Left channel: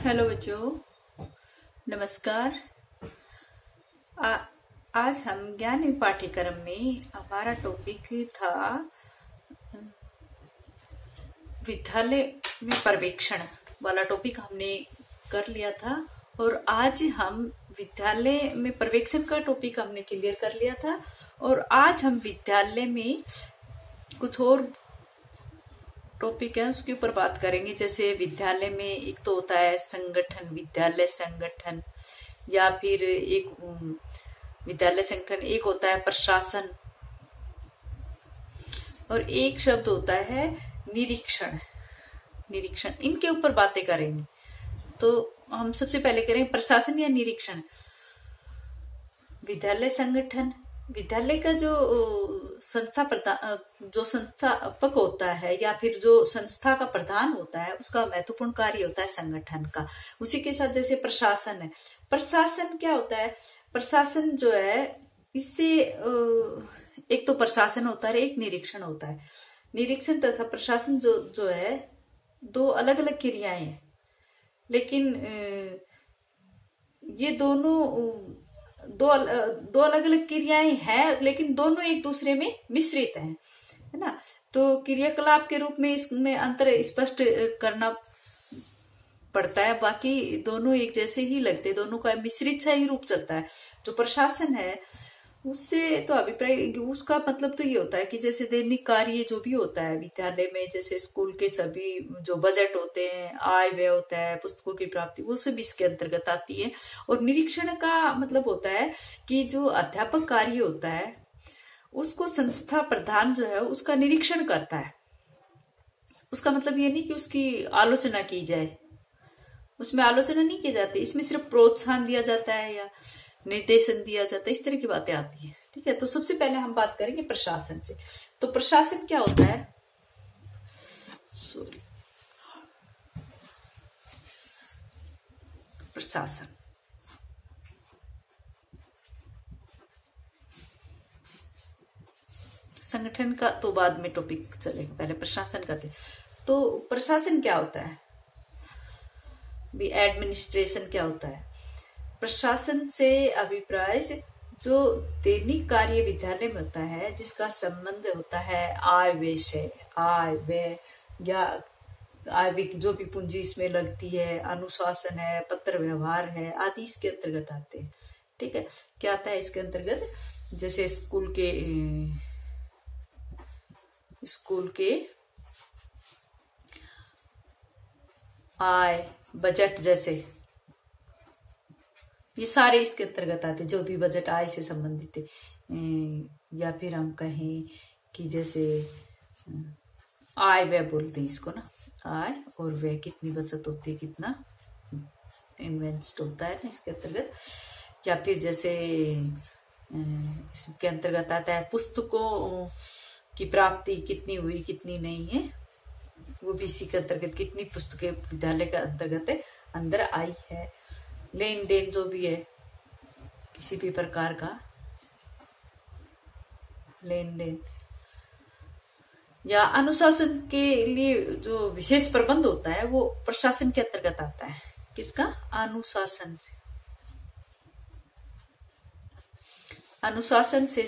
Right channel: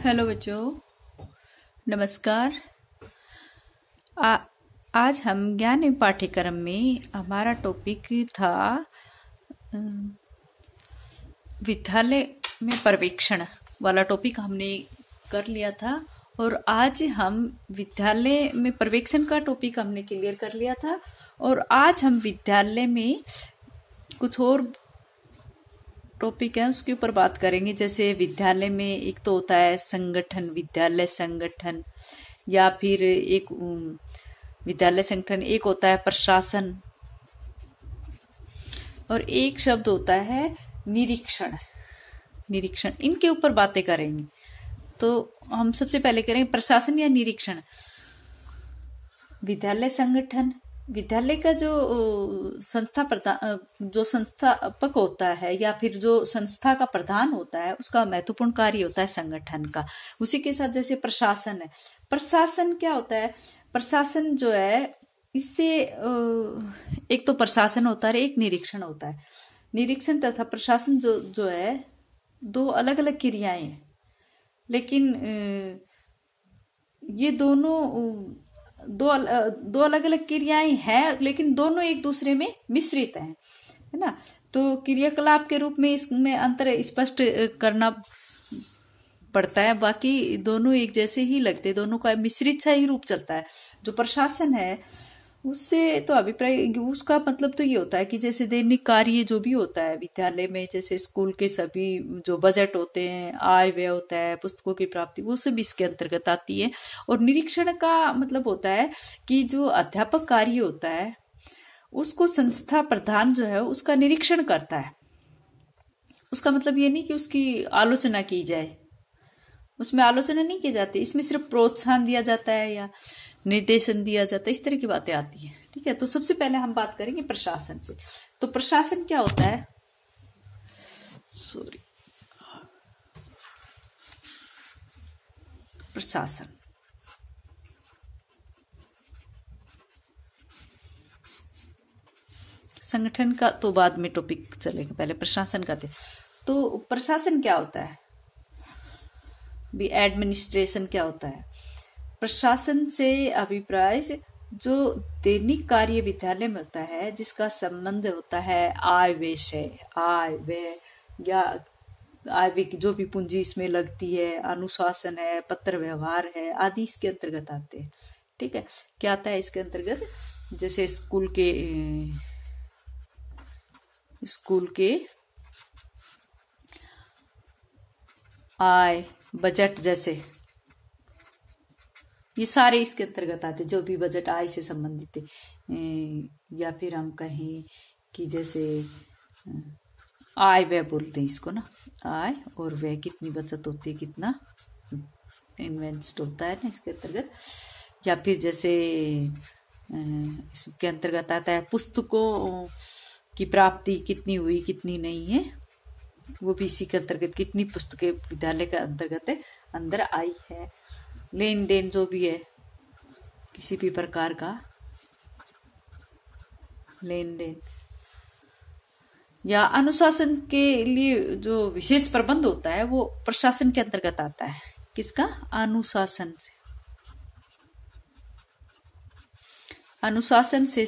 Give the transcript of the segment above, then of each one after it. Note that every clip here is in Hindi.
हेलो बच्चों, नमस्कार। आ, आज हम ज्ञान पाठ्यक्रम में हमारा टॉपिक था विद्यालय में पर्यवेक्षण वाला टॉपिक हमने कर लिया था। और आज हम विद्यालय में पर्यवेक्षण का टॉपिक हमने क्लियर कर लिया था। और आज हम विद्यालय में कुछ और टॉपिक है उसके ऊपर बात करेंगे। जैसे विद्यालय में एक तो होता है संगठन, विद्यालय संगठन, या फिर एक विद्यालय संगठन, एक होता है प्रशासन, और एक शब्द होता है निरीक्षण। निरीक्षण, इनके ऊपर बातें करेंगे। तो हम सबसे पहले करेंगे प्रशासन या निरीक्षण। विद्यालय संगठन, विद्यालय का जो संस्थापक होता है या फिर जो संस्था का प्रधान होता है, उसका महत्वपूर्ण कार्य होता है संगठन का। उसी के साथ जैसे प्रशासन है, प्रशासन क्या होता है? प्रशासन जो है, इससे एक तो प्रशासन होता है, एक निरीक्षण होता है। निरीक्षण तथा प्रशासन जो है, दो अलग अलग क्रियाएं हैं, लेकिन ये दो अलग अलग क्रियाएं हैं, लेकिन दोनों एक दूसरे में मिश्रित हैं, है ना। तो क्रियाकलाप के रूप में इसमें अंतर स्पष्ट करना पड़ता है। बाकी दोनों एक जैसे ही लगते, दोनों का मिश्रित सा ही रूप चलता है। जो प्रशासन है, उससे तो अभिप्राय, उसका मतलब तो ये होता है कि जैसे दैनिक कार्य जो भी होता है विद्यालय में, जैसे स्कूल के सभी जो बजट होते हैं, आय व्यय होता है, पुस्तकों की प्राप्ति, वो सब इसके अंतर्गत आती है। और निरीक्षण का मतलब होता है कि जो अध्यापक कार्य होता है, उसको संस्था प्रधान जो है उसका निरीक्षण करता है। उसका मतलब ये नहीं कि उसकी आलोचना की जाए, उसमें आलोचना नहीं की जाती, इसमें सिर्फ प्रोत्साहन दिया जाता है या निर्देशन दिया जाता है, इस तरह की बातें आती है। ठीक है, तो सबसे पहले हम बात करेंगे प्रशासन से। तो प्रशासन क्या होता है? प्रशासन, संगठन का तो बाद में टॉपिक चलेगा, पहले प्रशासन का। तो प्रशासन क्या होता है? भी एडमिनिस्ट्रेशन क्या होता है? प्रशासन से अभिप्राय जो दैनिक कार्य विद्यालय में होता है, जिसका संबंध होता है आय व्यय से, आय व्यय या आय व्यय जो भी पूंजी इसमें लगती है, अनुशासन है, पत्र व्यवहार है, आदि इसके अंतर्गत आते हैं। ठीक है, क्या आता है इसके अंतर्गत? जैसे स्कूल के आय, बजट, जैसे ये सारे इसके अंतर्गत आते, जो भी बजट आय से संबंधित है। या फिर हम कहें कि जैसे आय व्यय बोलते हैं इसको ना, आय और व्यय, कितनी बचत होती है, कितना इन्वेस्ट होता है ना इसके अंतर्गत। या फिर जैसे इसके अंतर्गत आता है पुस्तकों की प्राप्ति कितनी हुई, कितनी नहीं है, वो भी इसी के अंतर्गत, कितनी पुस्तकें विद्यालय के अंतर्गत अंदर आई है। लेन देन जो भी है, किसी भी प्रकार का लेन देन, या अनुशासन के लिए जो विशेष प्रबंध होता है, वो प्रशासन के अंतर्गत आता है। किसका? अनुशासन से। अनुशासन से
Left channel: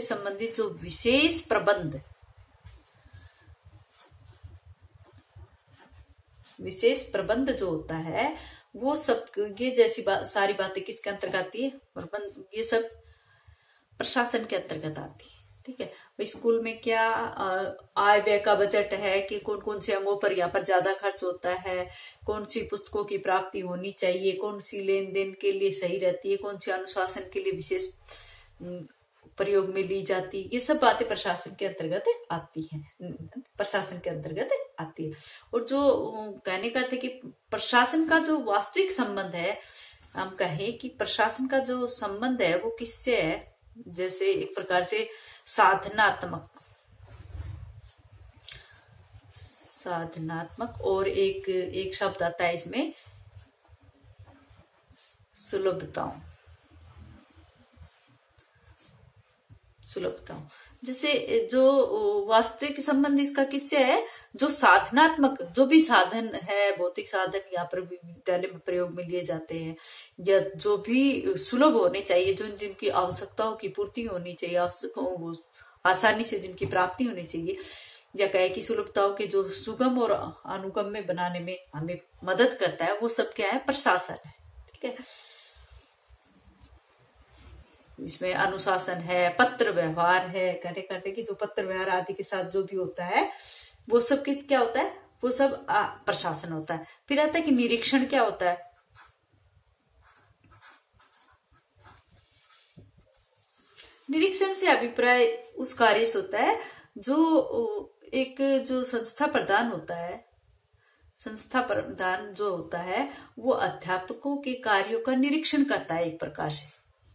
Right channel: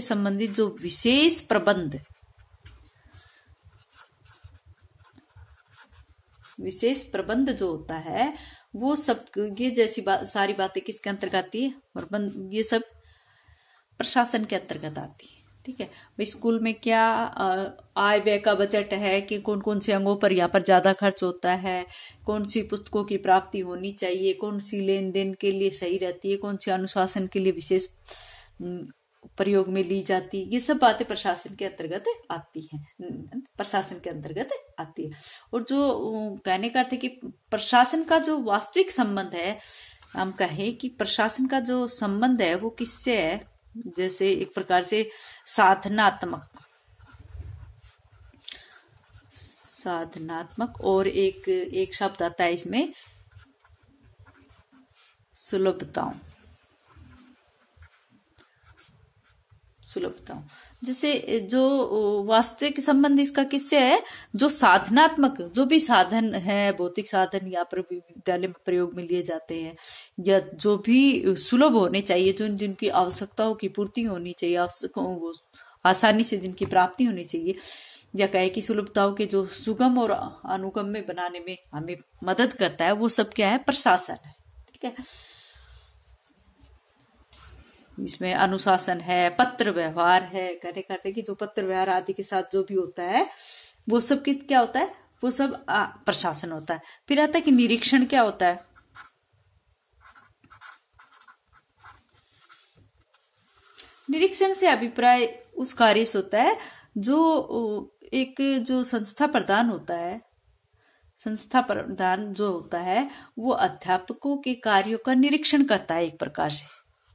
संबंधित जो विशेष प्रबंध, जो होता है, वो सब, ये जैसी सारी बातें किसके अंतर्गत आती है? ये सब प्रशासन के अंतर्गत आती है। ठीक है, स्कूल में क्या आय व्यय का बजट है, कि कौन कौन से अंगों पर यहाँ पर ज्यादा खर्च होता है, कौन सी पुस्तकों की प्राप्ति होनी चाहिए, कौन सी लेन देन के लिए सही रहती है, कौन सी अनुशासन के लिए विशेष प्रयोग में ली जाती, ये सब बातें प्रशासन के अंतर्गत आती हैं, प्रशासन के अंतर्गत आती है। और जो कहने का अर्थ है कि प्रशासन का जो वास्तविक संबंध है, हम कहें कि प्रशासन का जो संबंध है वो किससे है? जैसे एक प्रकार से साधनात्मक, और एक शब्द आता है इसमें, सुलभता। सुलभता हो। जैसे जो वास्तविक संबंध इसका किससे है, जो साधनात्मक जो भी साधन है, भौतिक साधन या पर विद्यालय में प्रयोग में लिए जाते हैं, या जो भी सुलभ होने चाहिए, जो जिनकी आवश्यकताओं की पूर्ति होनी चाहिए, आसानी से जिनकी प्राप्ति होनी चाहिए, या कहे कि सुलभताओं के जो सुगम और अनुगम्य बनाने में हमें मदद करता है, वो सब क्या है, प्रशासन है। ठीक है, इसमें अनुशासन है, पत्र व्यवहार है, कहने करते कि जो पत्र व्यवहार आदि के साथ जो भी होता है वो सब क्या होता है, वो सब प्रशासन होता है। फिर आता है कि निरीक्षण क्या होता है। निरीक्षण से अभिप्राय उस कार्य से होता है जो एक जो संस्था प्रधान होता है, संस्था प्रधान जो होता है वो अध्यापकों के कार्यों का निरीक्षण करता है एक प्रकार से,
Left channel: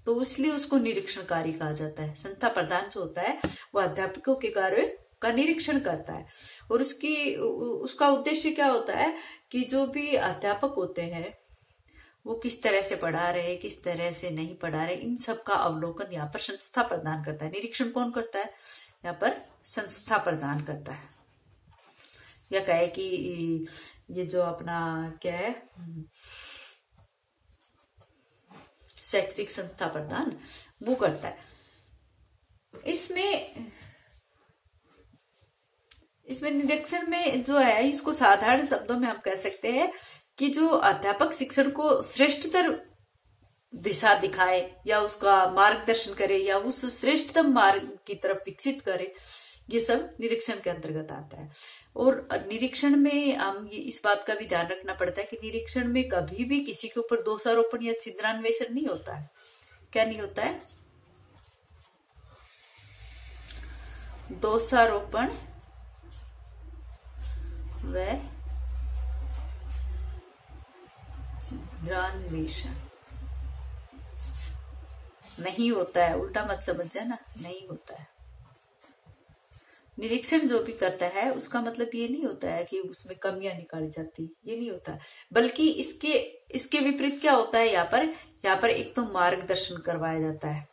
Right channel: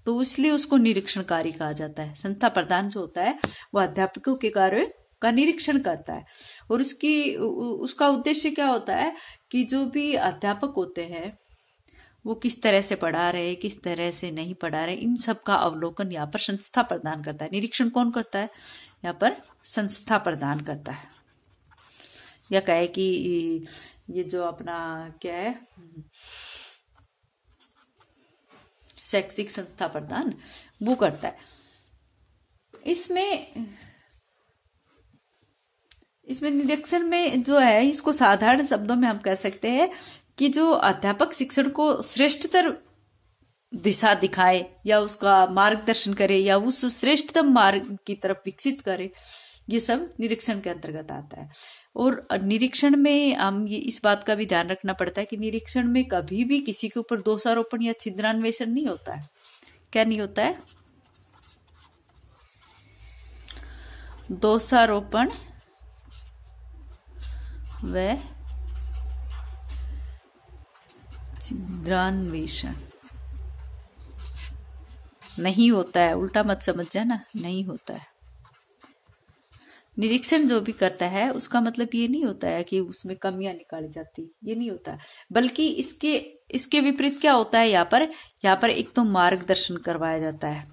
तो इसलिए उसको निरीक्षणकारी कहा जाता है। संस्था प्रधान जो होता है वो अध्यापकों के कार्य का निरीक्षण करता है, और उसका उद्देश्य क्या होता है कि जो भी अध्यापक होते हैं वो किस तरह से पढ़ा रहे, किस तरह से नहीं पढ़ा रहे, इन सब का अवलोकन यहाँ पर संस्था प्रदान करता है। निरीक्षण कौन करता है, यहाँ पर संस्था प्रदान करता है। या कहे कि ये जो अपना क्या है, शैक्षिक संस्था प्रदान वो करता है। इसमें निरीक्षण में जो है, इसको साधारण शब्दों में हम कह सकते हैं कि जो अध्यापक शिक्षण को श्रेष्ठतर दिशा दिखाए या उसका मार्गदर्शन करे या उस श्रेष्ठतम मार्ग की तरफ विकसित करे, ये सब निरीक्षण के अंतर्गत आता है। और निरीक्षण में हम ये इस बात का भी ध्यान रखना पड़ता है कि निरीक्षण में कभी भी किसी के ऊपर दोषारोपण या छिद्रान्वेषण नहीं होता है। क्या नहीं होता है, दोषारोपण व छिद्रान्वेषण नहीं होता है। उल्टा मत समझ जाना, नहीं होता है। निरीक्षण जो भी करता है उसका मतलब ये नहीं होता है कि उसमें कमियां निकाली जाती, ये नहीं होता है, बल्कि इसके विपरीत क्या होता है, यहाँ पर एक तो मार्गदर्शन करवाया जाता है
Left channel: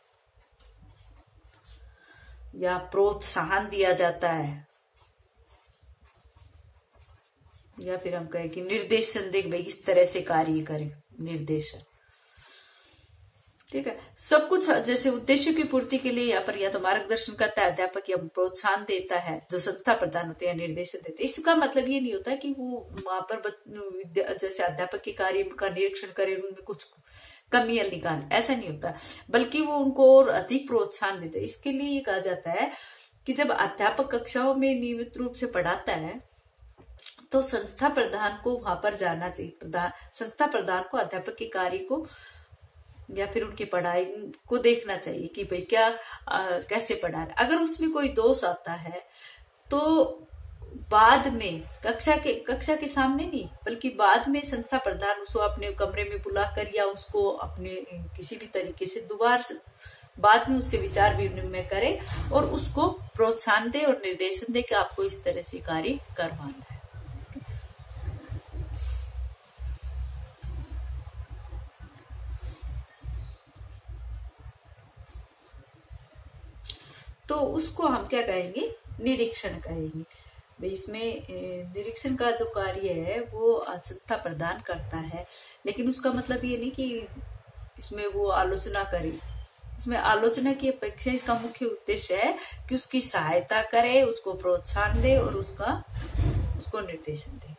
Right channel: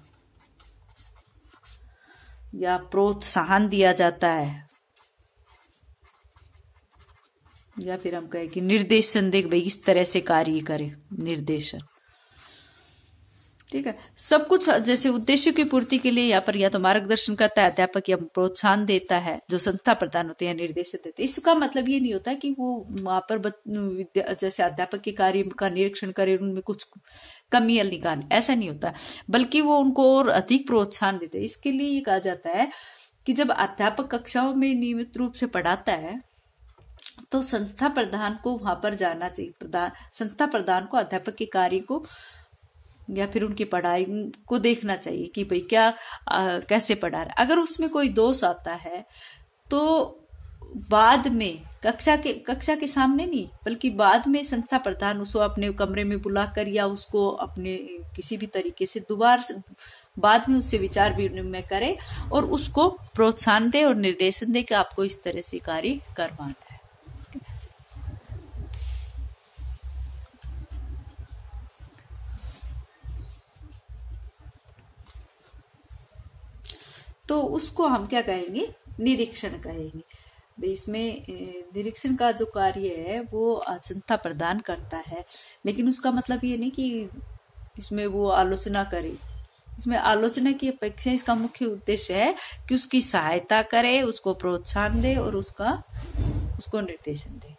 या प्रोत्साहन दिया जाता है, या फिर हम कहें कि निर्देशन दे, भाई इस तरह से कार्य करे, निर्देशन। ठीक है, सब कुछ जैसे उद्देश्य की पूर्ति के लिए यहाँ पर या तो मार्गदर्शन करता है अध्यापक, या प्रोत्साहन देता है जो संस्था प्रदान होते हैं, निर्देशन देते हैं। इसका मतलब ये नहीं होता कि वो वहां पर जैसे अध्यापक के कार्य का निरीक्षण करे, उनमें कुछ कमियां निकाले, ऐसा नहीं होता, बल्कि वो उनको और अधिक प्रोत्साहन देते हैं। इसके लिए ये कहा जाता है कि जब अध्यापक कक्षाओं में नियमित रूप से पढ़ाता है तो संस्था प्रधान को वहां पर जाना चाहिए। संस्था प्रधान को अध्यापक के कार्य को या फिर उनकी पढ़ाई को देखना चाहिए कि भाई क्या कैसे पढ़ा रहा है। अगर उसमें कोई दोष आता है तो बाद में कक्षा के सामने नहीं, बल्कि बाद में संस्था प्रधान उसको अपने कमरे में बुलाकर या उसको अपने किसी भी तरीके से दोबारा बाद में उससे विचार विनिमय करे और उसको प्रोत्साहन दे और निर्देशन दे कि आपको इस तरह से कार्य करवाना है। तो उसको हम क्या कहेंगे, निरीक्षण कहेंगे। इसमें निरीक्षण का जो कार्य है वो संस्था प्रदान करता है, लेकिन उसका मतलब ये नहीं कि इसमें वो आलोचना करे। इसमें आलोचना की अपेक्षा इसका मुख्य उद्देश्य है कि उसकी सहायता करे, उसको प्रोत्साहन दे और उसको निर्देशन दे।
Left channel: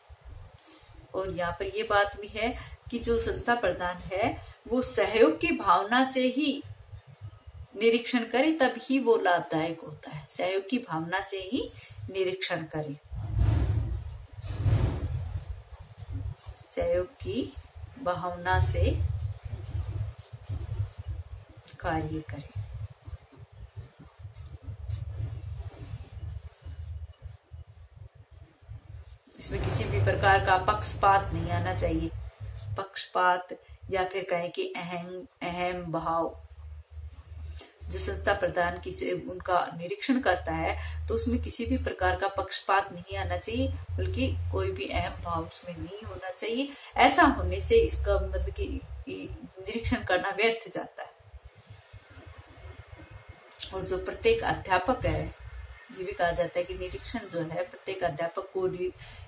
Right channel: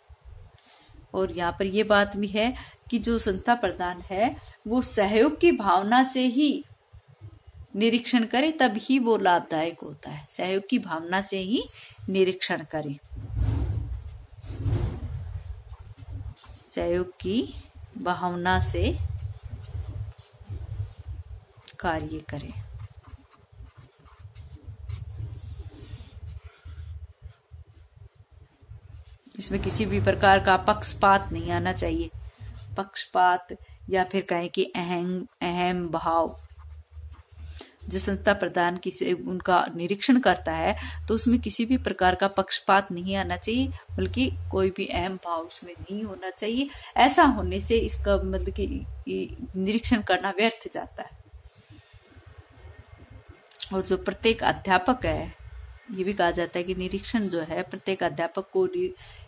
और यहाँ पर ये बात भी है कि जो संस्था प्रधान है वो सहयोग की भावना से ही निरीक्षण करे, तभी वो लाभदायक होता है। सहयोग की भावना से ही निरीक्षण करे, सहयोग की भावना से कार्य करे। इसमें किसी भी प्रकार का पक्षपात नहीं आना चाहिए। पक्षपात या फिर कहें कि अहम भाव, जो संस्था प्रधान उनका निरीक्षण करता है तो उसमें किसी भी प्रकार का पक्षपात नहीं आना चाहिए, बल्कि कोई भी अहम भाव उसमें नहीं होना चाहिए। ऐसा होने से इसका मतलब कि निरीक्षण करना व्यर्थ जाता है। और जो प्रत्येक अध्यापक है, ये भी कहा जाता है कि निरीक्षण जो है प्रत्येक अध्यापक को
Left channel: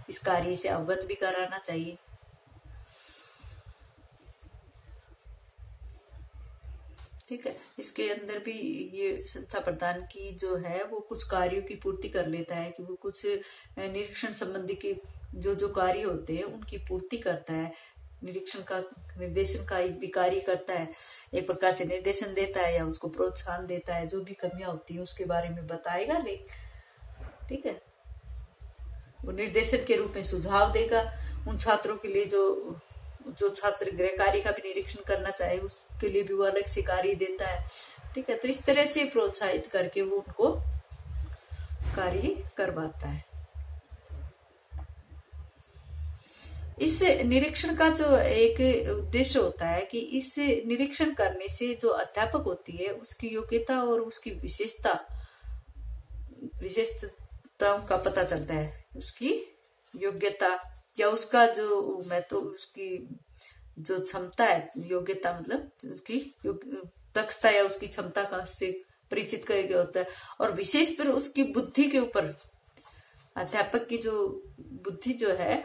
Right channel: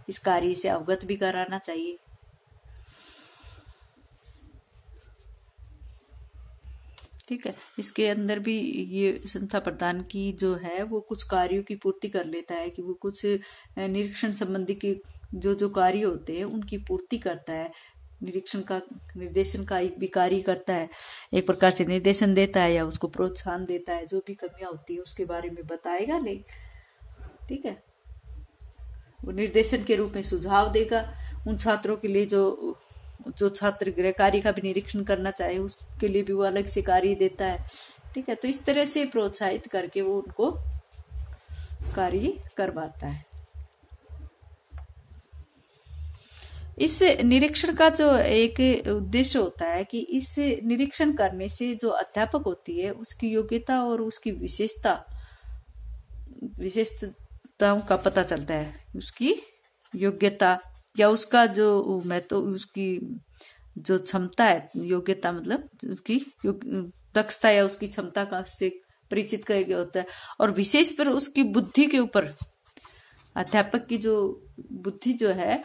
इस कार्य से अवगत भी कराना चाहिए। ठीक है, इसके अंदर भी ये संस्था प्रधान की जो है वो कुछ कार्यों की पूर्ति कर लेता है, कि वो कुछ निरीक्षण संबंधी के जो कार्य होते हैं उनकी पूर्ति करता है। निरीक्षण का निर्देशन का एक भी कार्य करता है, एक प्रकार से निर्देशन देता है या उसको प्रोत्साहन देता है, जो भी कमियां होती है उसके बारे में बताएगा। ले ठीक है, वो निर्देशन के रूप में सुझाव देगा उन छात्रों के लिए जो छात्र गृह कार्य का भी निरीक्षण करना चाहे उसके लिए भी वो अलग से कार्य देता है। ठीक है, तो इस तरह से प्रोत्साहित करके वो उनको कार्य करवाता है। इस निरीक्षण का जो एक उद्देश्य होता है कि इस निरीक्षण करने से जो अध्यापक होती है उसकी योग्यता और उसकी विशेषताओं का पता चलता है। उसकी योग्यता या उसका जो उसकी जो क्षमता है, योग्यता मतलब उसकी दक्षता या उसकी क्षमता का से परिचित किया गया होता है। और विशेष पर उसकी बुद्धि के ऊपर, अध्यापक की जो बुद्धि जो है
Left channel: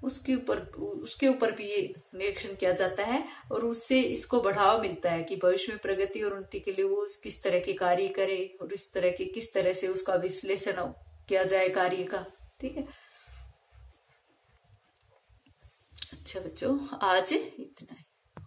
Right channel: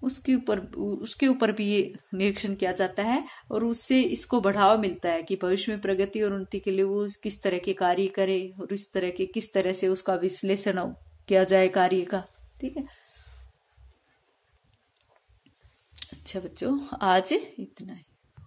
उसके ऊपर भी ये निरीक्षण किया जाता है, और उससे इसको बढ़ावा मिलता है कि भविष्य में प्रगति और उन्नति के लिए वो किस तरह के कार्य करे और इस तरह के किस तरह से उसका विश्लेषण किया जाए कार्य का। ठीक है, अच्छा बच्चों, आज इतना है।